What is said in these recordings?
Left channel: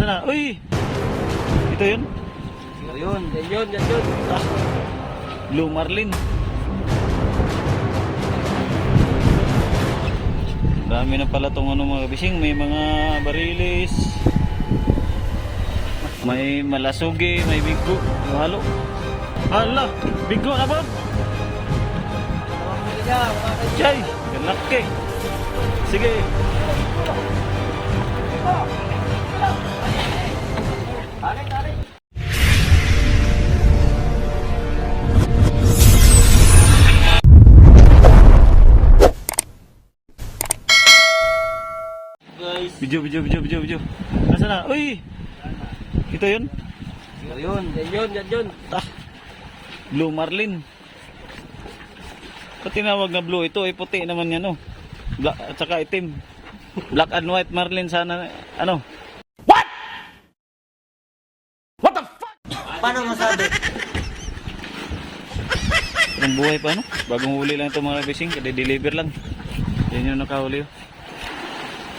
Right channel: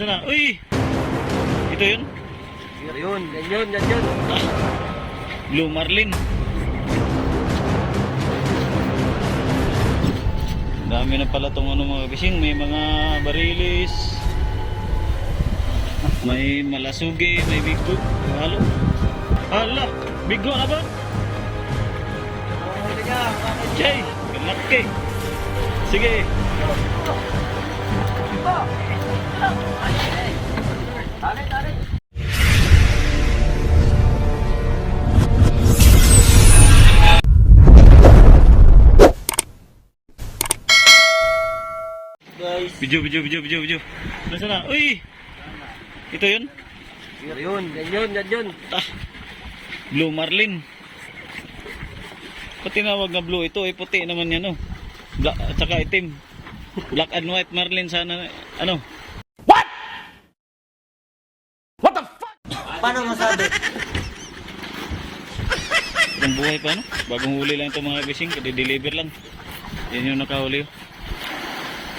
Nasaan na? Uy! Ito yun? Ayun, yan yun, yan yun. Ah, Blue Marlin. Dami na pala tong ano mga bising. May mga barilis. May malasugi, may bigo. Yung halo. Hala, bigo na ba? Chay, ganaki. Sige. Tarik, tarik. Guys. Video, video, video, video, video. Nasaan na? Uy! Ito yun? Yan yun, yan yun. Ah, Blue Marlin. Pati tinawag na blue ito, eh puti naman yan, no? Black, at saka itim. Black and white Marlin sana, ano? Paano masabi? Ang buhay pa, no? Bagong huli lang ito mga bising, deliver lang. Yan yung nakahuli.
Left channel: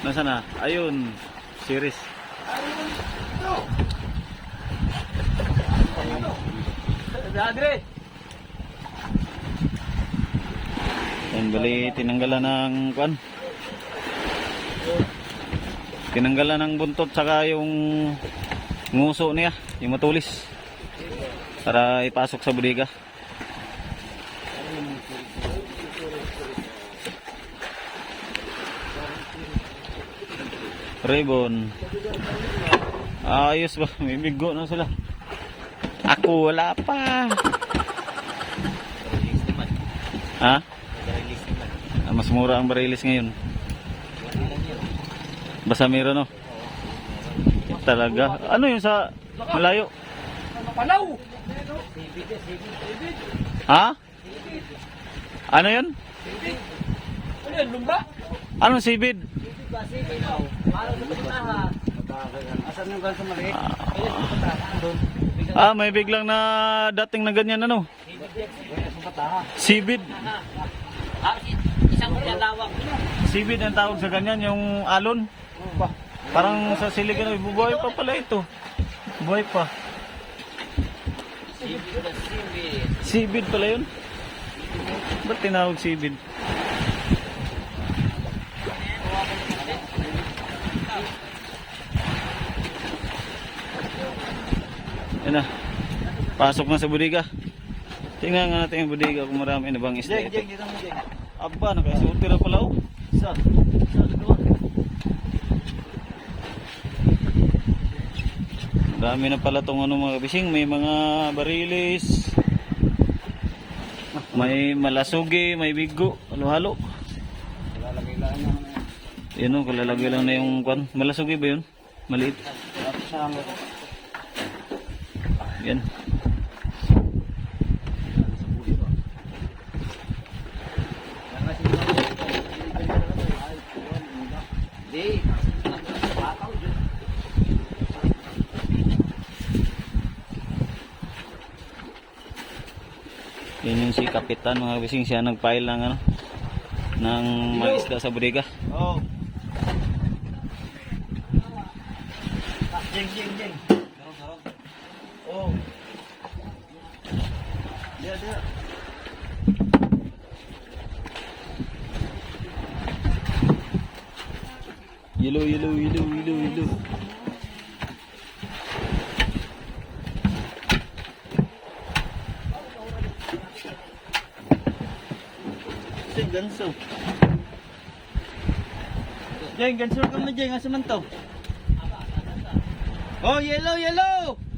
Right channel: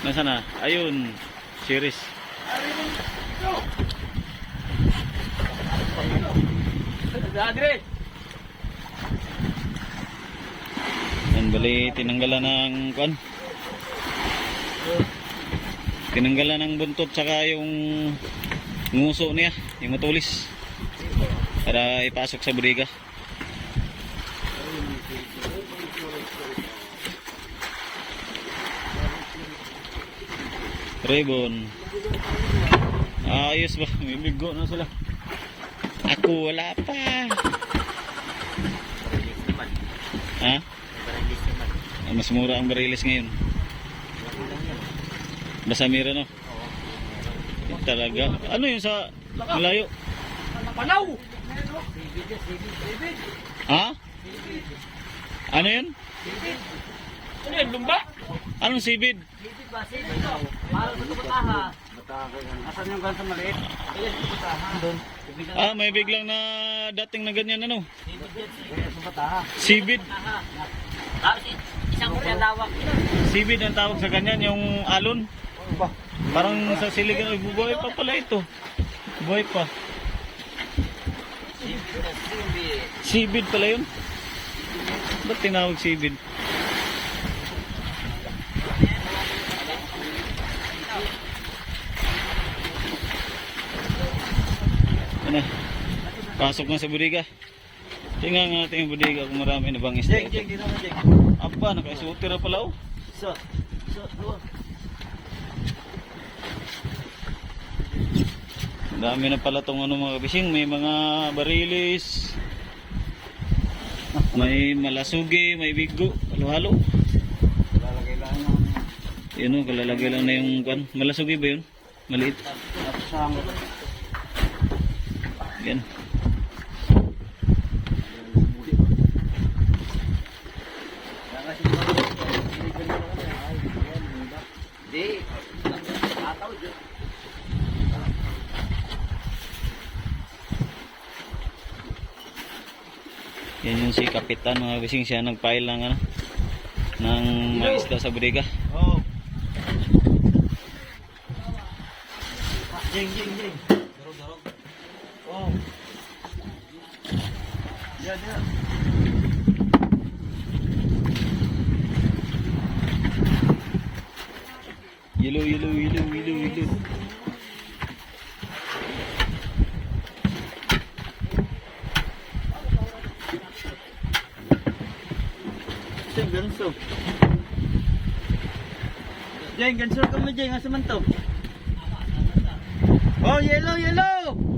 Nasaan na? Ayun, series. Adre! Yan, bali, tinanggalan ng, kwan? Tinanggalan ng buntot, saka yung nguso niya, yung matulis. Para ipasok sa bodega. Ribbon. Ayos ba? May bigo na sila. Ako wala pa. Ha? Ah, mas mura ang barilis ngayon. Basta meron no? Talaga. Ano yun sa malayo? Panaw! Ha? Ano yun? Ano yan, lumba? Anong sibid? Parang sa kapataha. Asan yung gansa maliit? Ayun, kapataha. Doon. Ah, may biglang na dating na ganyan ano? Sibid. Ah, isang lawak. Sibid ang tawag sa ganyan, yung alon. Parang sa siligan, ay bubuhay pa pala ito. Buhay pa. Sibid pala yun. Ba't tinawag sibid? Yan na. Pasok na sa bodega. Tingnan nga natin yung bodega kung marami na bang isda Jeng, jeng, mo, jeng. Aba, nakasulti na pala oh. Isa. Isa, Dami na pala tong ano mga bising, may mga barilis. May malasugi, may bigo, halo-halo. Lalagay lang yung Yun oh, kalalagay lang na yung kwan. Malasugi ba yun? Maliit. Yan. Yan yung si Kapitan mga bising, siya nagpile ng ano ng mga isda sa bodega. Oh. Jeng, jeng, jeng. Oh. Dia, dia. Yellow, yellow, yellow, yellow, yellow. Ganso. Jeng, gansur ka mo, Jeng. Asa man to? Oh, yellow, yellow!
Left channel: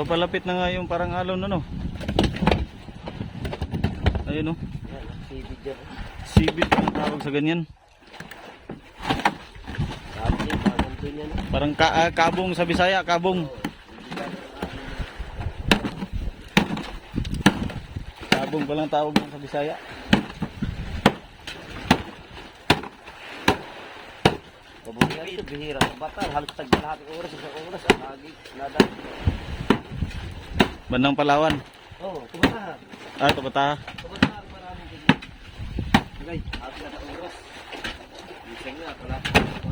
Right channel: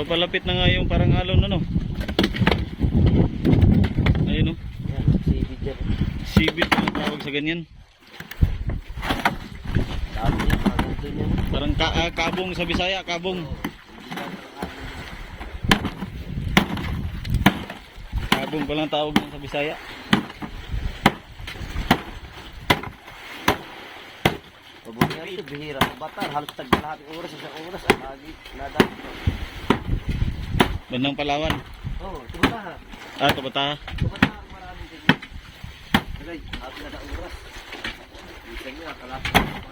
Papalapit na nga yung parang alon ano. Ayun oh. Yan, sibid yan. Sibit ang tawag sa ganyan. Parang ka ah, kabong sa Bisaya, kabong. Kabong pa lang tawag mo sa Bisaya. Pabuti nga ito, bihira bata. Halos tag lahat ng oras, isang oras. Lagi, lada. Bandang Palawan. Oo, oh, tumata. Ah, Kabata. Tumata ang maraming ganyan. Agay, halos na na oras. Isang nga, kalapit.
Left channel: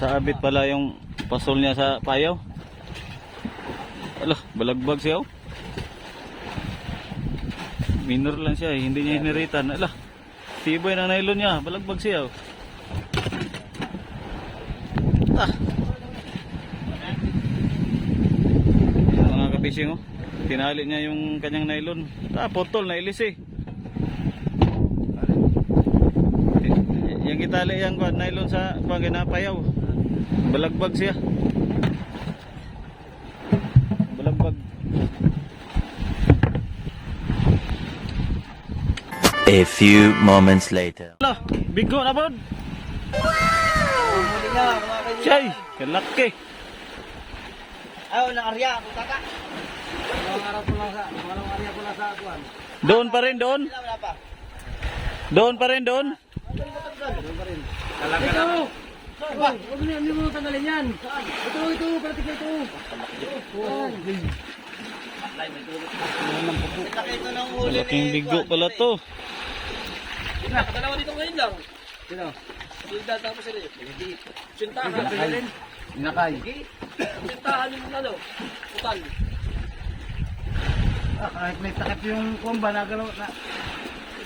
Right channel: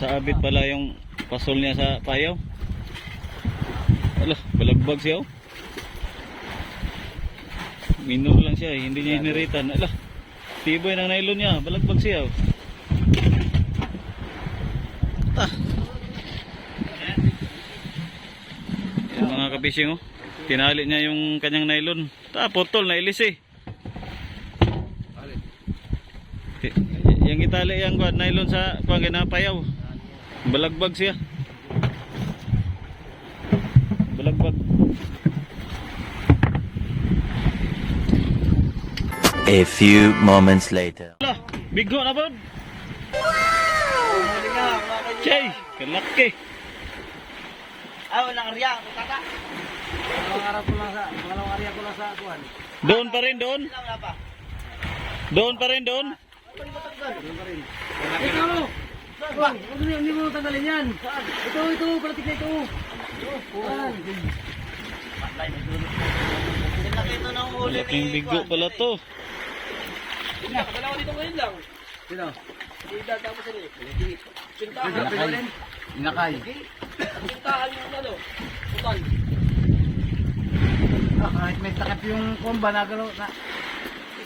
Dun Sa abit pala yung pasol niya sa payaw. Ala, balagbag siya oh. Minor lang siya, eh, hindi niya iniritan. Ala, tibay ng nylon niya, balagbag siya oh. Ah. Yung mga kabising oh. Tinali niya yung kanyang nylon. Ah, putol na ilis eh. Yang itali kuan nylon sa kuan ginapayaw. Balagbag siya. Balagbag. A few moments later. Ala, bigo na bod. Chay, kalaki. Ayaw, nakarya, kaka. Dalawang araw ko lang sa, dalawang araw ko lang sa kuhan. Doon pa rin doon. Pa. Doon pa rin doon. Doon pa rin. Ito! Wah, huwag niyo, hindi mo tanggalin yan. Saan? Ito, ito, palatik na ito. Kuhan. Laki ito ng huli Malaking bigo pala to. Nakakalawa dito ngayon lang. Sino? Sida tapos sila. Sintahan. Inakay. Sintahan yung ano, putal. Ah, kahit may takap yung kumba na gano'n na.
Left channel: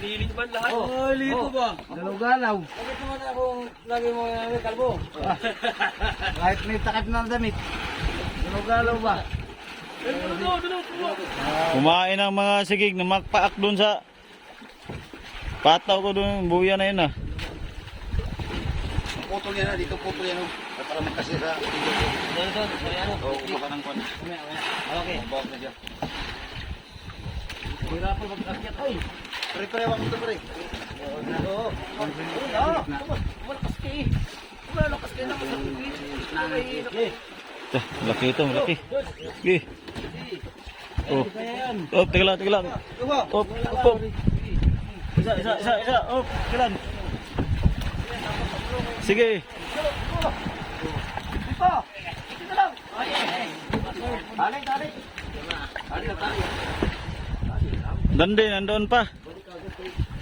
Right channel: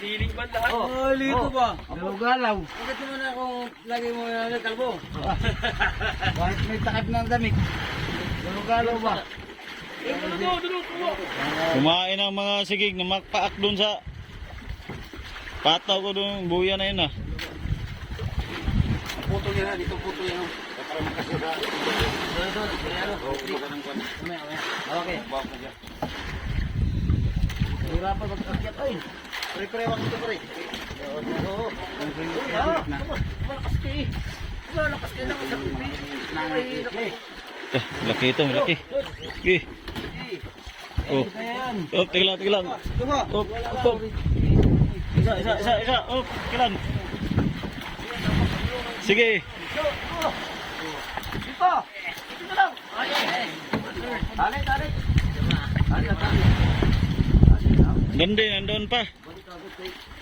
Hiling ba lahat? Oh, lito ba? Galaw-galaw. Bakit naman akong lagi mo yung kalbo? kahit may takap ng damit. Galaw-galaw ba? Kumain ang mga sigig na makpaak doon sa pataw ko doon, buya na yun ah. Puto yan na, dito puto yan. Para magkasya sa... Doon, doon. Ano? Okay. Okay. Hirapan mag-akyat. Ay! Pare-pare ako dito, pre. Oo. Malakas ka eh. Malakas ka na. Nangyay. Eh, laki ito, laki. Sige. Oh. Oh, teka lang. Oh, oh, oh. Isa, isa, isa, isa. Oh, lang. Sige. Dito! Dito lang! Tali, tali. Tali, tali. Dandi, nandoon pa. Dapat yun sila eh.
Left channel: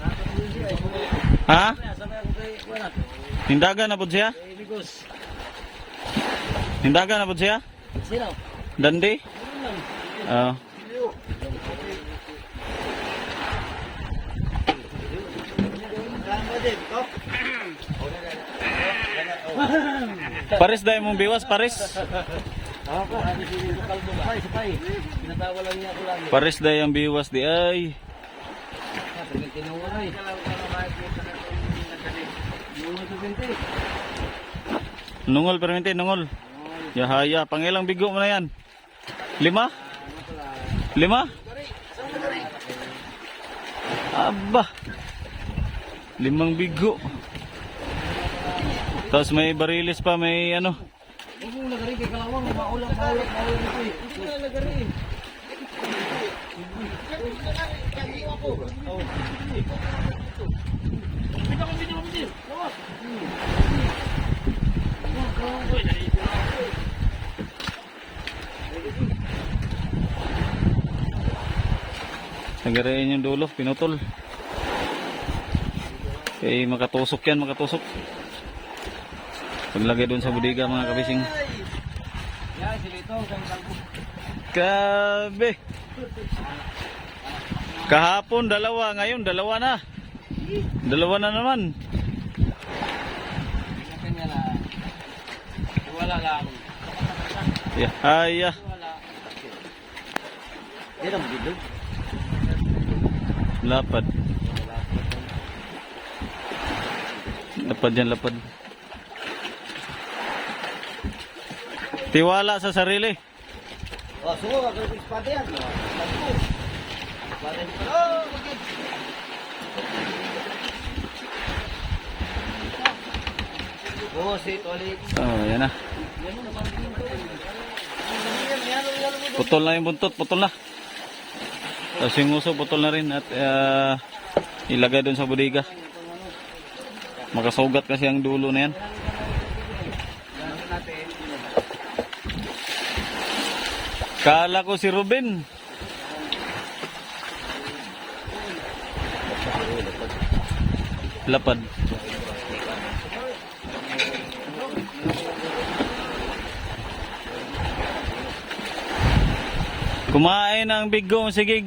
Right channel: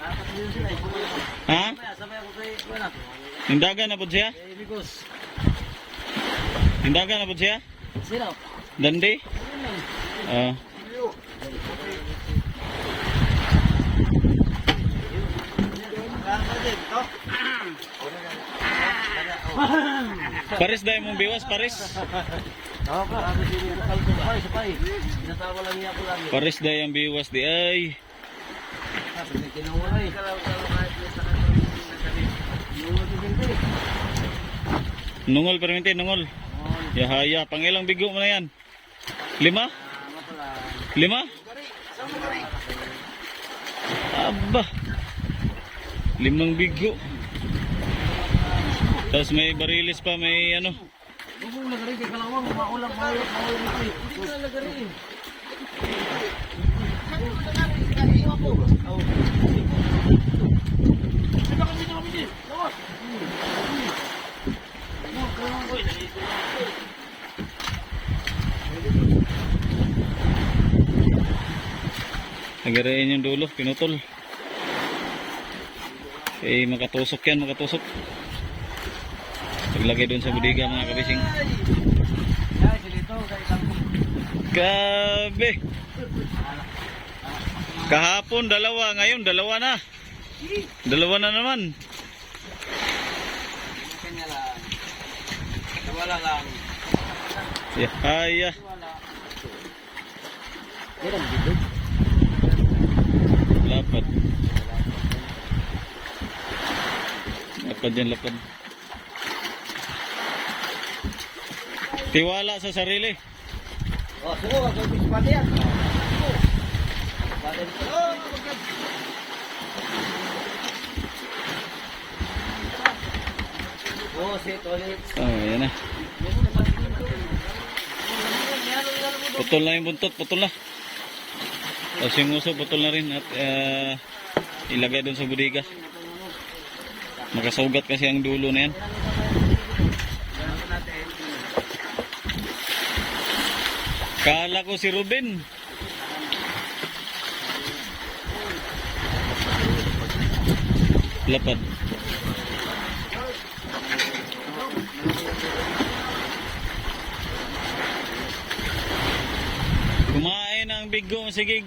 Ha? Hindagan na po siya? Hindagan na po siya? Dandi? Oh. Pares dahil mong biwas, lang. Pares dahil ang biwas di ay. Sabi tinawalay. Yung ito binti. Nungol permente, nungol. Yahaya, pangilang bigo mo na yan? Lima? Lima? Aba. Limang bigo. Tapos may barilis pa, may ano. Mong lagari, di kalawang, maulang, maulang, maulang. Hindi ka lagari eh. Nagarayin yung dulo, pinutol. Eh, makatusok yan, makatusok. Paglagay doon sa budiga mga kabising. Grabe! Kahapon dalawa, ngayon dalawa na. Dalawa na naman. Kanya lang. Wala lang. Yeah. Ay, ah. Meron dito. Lapad. Lapad yan, lapad. Tiwala sa sarili. Oh, suko, wag kayo spot yan. Oh, yan. Na. Putol na yung buntot, putol na. Tapos yung uso, putol na rin at ah, ilagay doon sa bodega. Makasugat kasi ang dulo na yan. Kala ko si Ruben. Lapad. Kumain ng bigong, sige.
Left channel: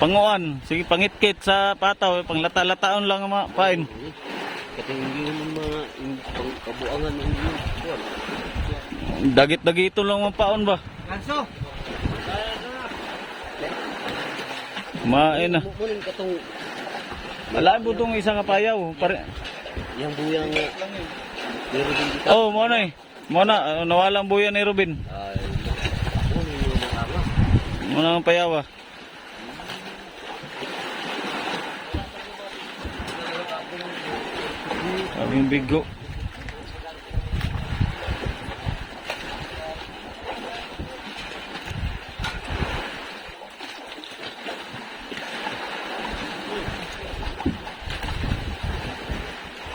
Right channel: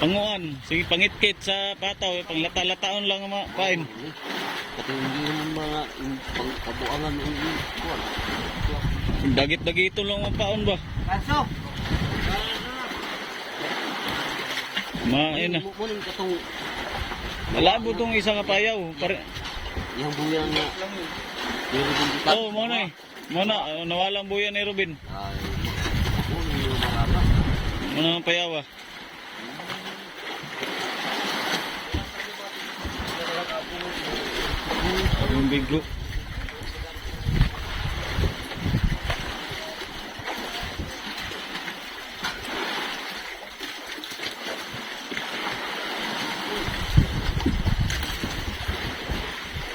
Panguan, sige pangitkit sa pataw, panglata-lataon lang ang mga pain. Kasi hindi naman mga pangkabuangan. Dagit-dagito lang ang paon ba? Kanso! Kumain na. Muling katong Malabo tong isang payaw. Pare... yung buyang. Meron din dito. Oh, mo na eh. Mo na, nawalang buya ni Robin. Mo na ang payaw ah. Ang bigo.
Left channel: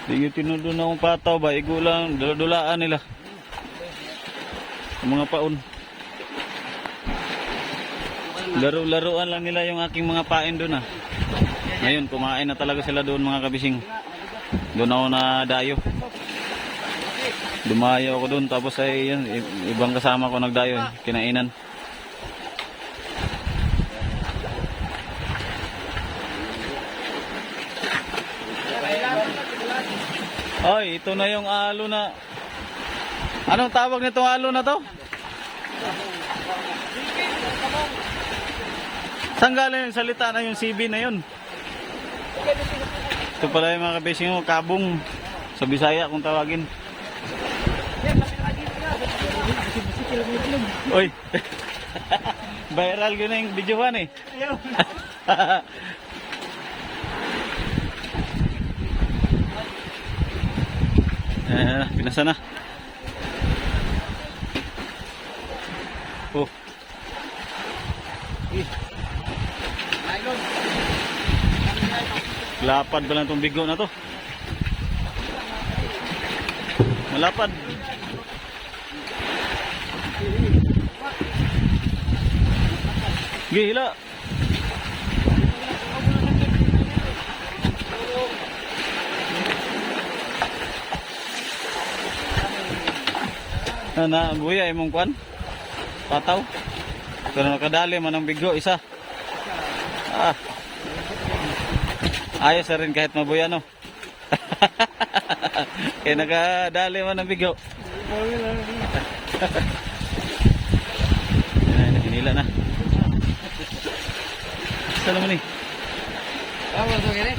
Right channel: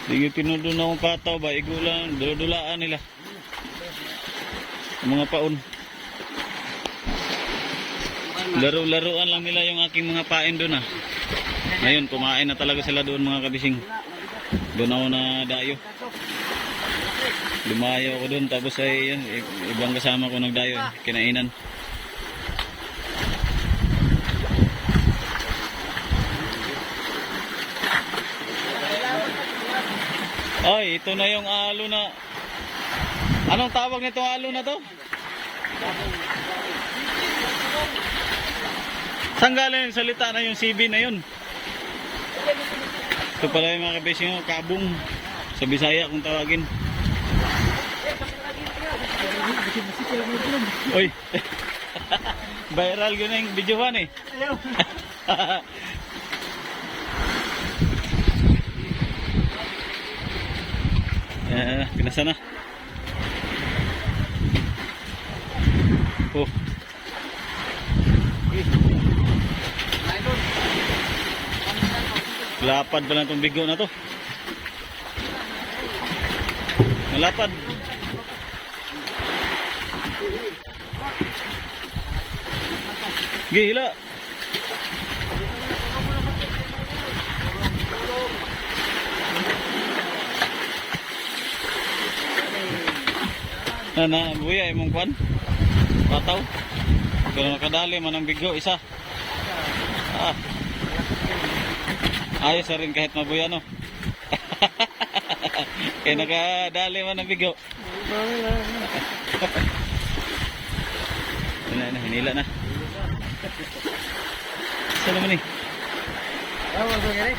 Sige, tinudo na akong pataw ba? Igo lang, dula-dulaan nila. Ang mga paon. Laro-laruan lang nila yung aking mga pain doon ah. Ngayon, kumain na talaga sila doon mga kabising. Doon ako na dayo. Dumayo ako doon tapos ay yun, ibang kasama ko nagdayo, kinainan. Ay, ito na yung alo na... Anong tawag nitong alo na to? Saan galing ang salita na yung CB na yun? Ito pala yung mga kabising yung kabong sa Bisaya kung tawagin. Oy. Viral yun yung videoan eh. eh, pinasa na. Oh. Lapad ba na itong bigo na to? Malapad. Gila. Ana, buya imong kwan? Pataw. Pero nakadali man ang bigo isa. Ah. Ayos rin kahit mabuya no. Kaya nakadali man ang bigo. Yan na, hinila na. Isa naman eh. Ano ba yan eh?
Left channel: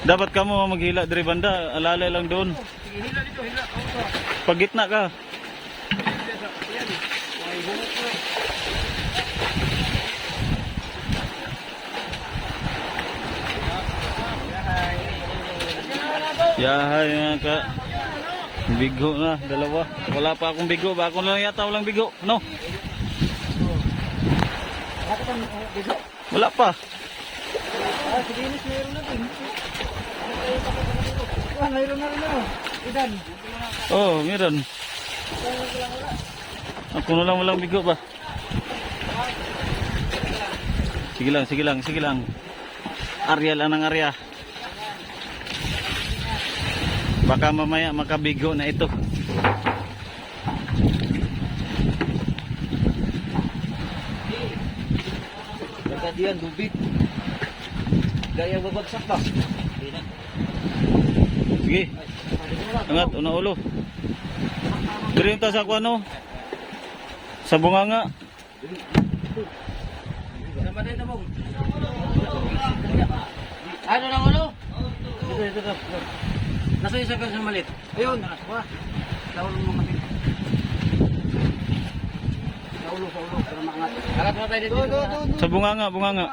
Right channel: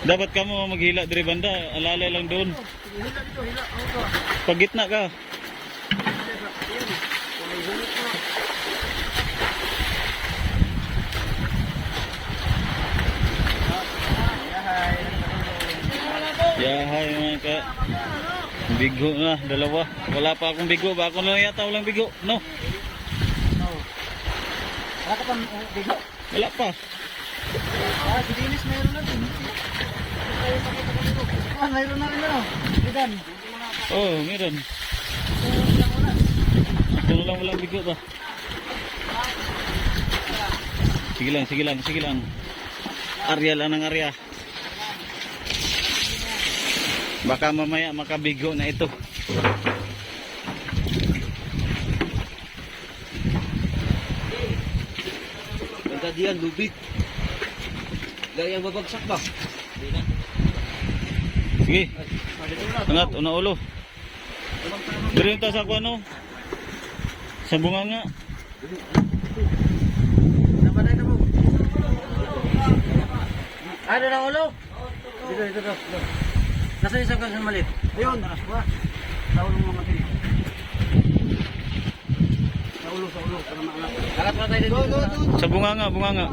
Dapat ka mo maghila dari banda, alalay lang doon. Pag gitna ka. Yahay nga ka. Bigo na, dalawa. Wala pa akong bigo. Ba ako na yata walang bigo. No? Bigo? Wala pa. Meron na din. Ah, meron na rin ako. Idan. Oh, meron. Ako na lang walang bigo ba? Sige lang, sige lang, sige lang. Arya lang ng Arya. Baka mamaya makabigo na ito. Magkadiyan, lubit. Gaya babagsak ba? Sige. Angat, una ulo. Diri ta sa kuano. Sa bunganga. Na. Ano na ulo? Dito, dito, dito. Nasa isa ka sa malit. Ayun. Ulo mo malit. Sa ulo, sa ulo. Para maangat. Harap na tayo dito. Sa bunganga, bunganga.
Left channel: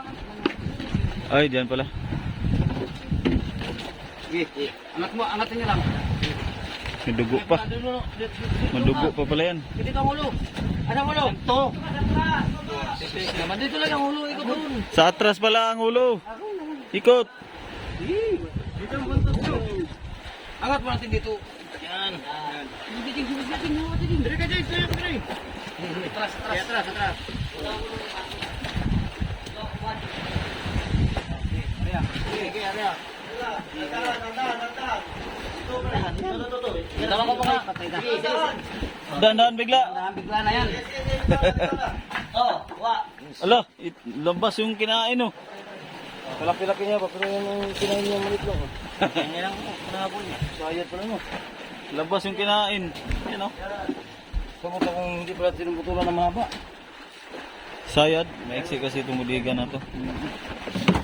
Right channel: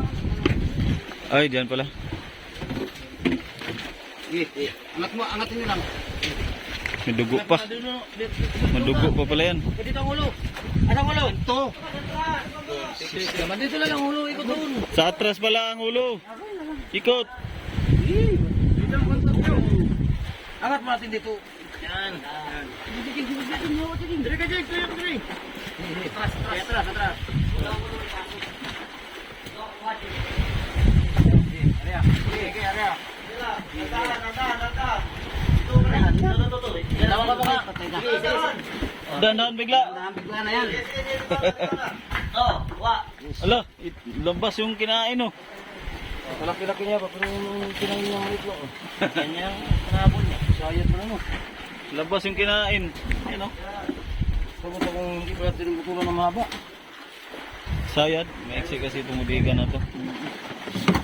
Ay, diyan pala. Sige, angat mo, angatin niyo lang. May dugo pa. Madugo pa pala yan. Dito ang ulo. Anong ulo? Ito. Dito lang ang ulo. Ikot doon. Sa atras pala ang ulo. Ikot. Dito. Angat mo natin dito. Yan. Bibitin, bibitin, bibitin. Dali ka dyan, dali ka dyan. Atras, atras, atras, atras. Area. Sige, area. Tawag ka pa. Dahan-dahan bigla. Dahan bigla na yan. Oh, wa. Ala, labas yung kinain oh. Kalaki-laki niya, bakit yung kinain niya malit mo? Ganyan ang kanabol niya. So ayun pa rin mo. Labas yung kinain. Ayun o. Sabot akong hindi pala tinubutulan ng mahaba. Sayad, maiksi kasi tumudiga na to.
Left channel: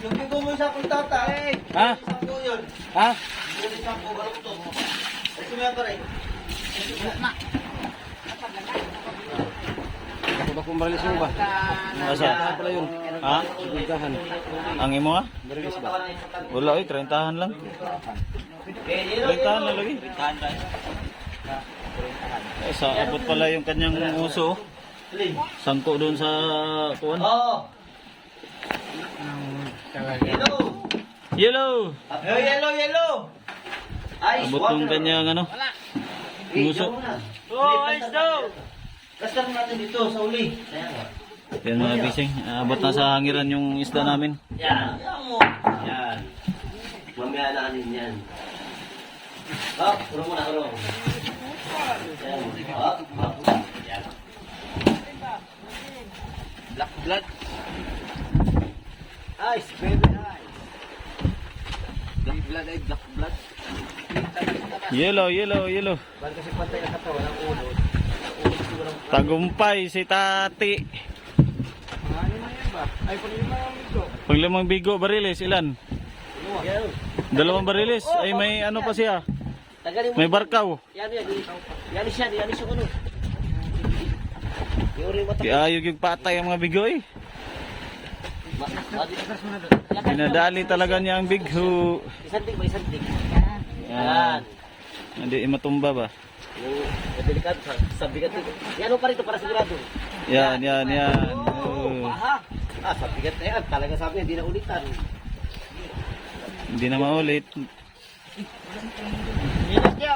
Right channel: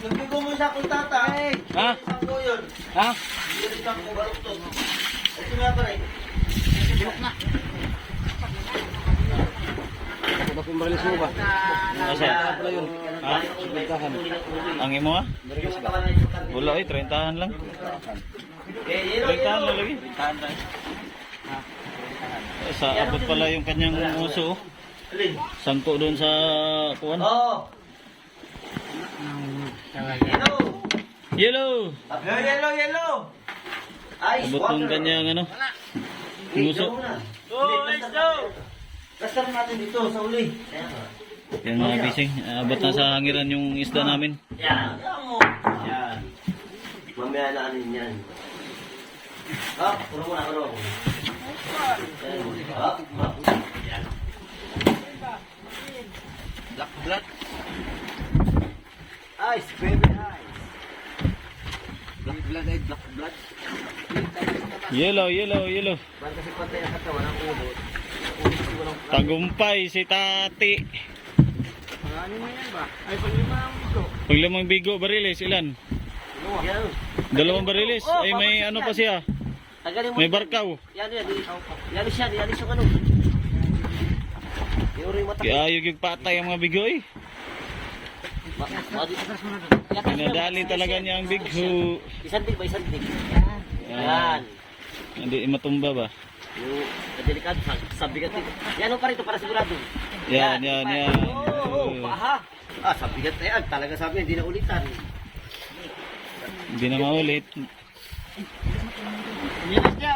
Hindi ko mo isa kung tatay. Ha? Yun. Ha? Hindi ko mo barok to. Ito nga pa rin. Diba kung balis mo ba? Asa? Ha? Ang imo ha? Wala eh, 30 lang. 30 na lagi. Eh, sa abot pala yung kanyang uso. oh. Sangko doon sa kuwan. Oo. Yellow! Yellow, yellow. Ay, Abot yung kanyang ano. Uso. Oh, ice daw. Kasar natin dito sa uli. Yan mga bising. Abot na sa hangiran yung isda namin. Yan. Yan. Mamaya na anin yan. Hop, puro mo na puro. Yan. Black blood. Ice, baby ice. Black blood ay black blood. Yellow, yellow, yellow. Ba't kasi pantay ang katawan ang ulo? Tagumpay si tati. Ano na yan ba? Ay, pag lima ang ito. Pag limang bigo bariles, ilan? Yan. Dalawang bariles? Ay may ano pa siya? Tagalin mo. May barkaw. Yan, yan. Yan siya. Yan yung ano. Yung rin mata. Kaya yung patay ang mga bigo eh. Dinadali talaga niya ang bigho. Isang tig ba? Isang tig. Yan. Hindi matumba ba? Yung delikado sa, sa bigat nito. Yan pa rito para sigurado. Yan, yan, yan. Oo, Oh. paha. Ah, sa bigat na yan. Talaga sabi, hindi na ulitan. Hindi na maulit. Minit niya.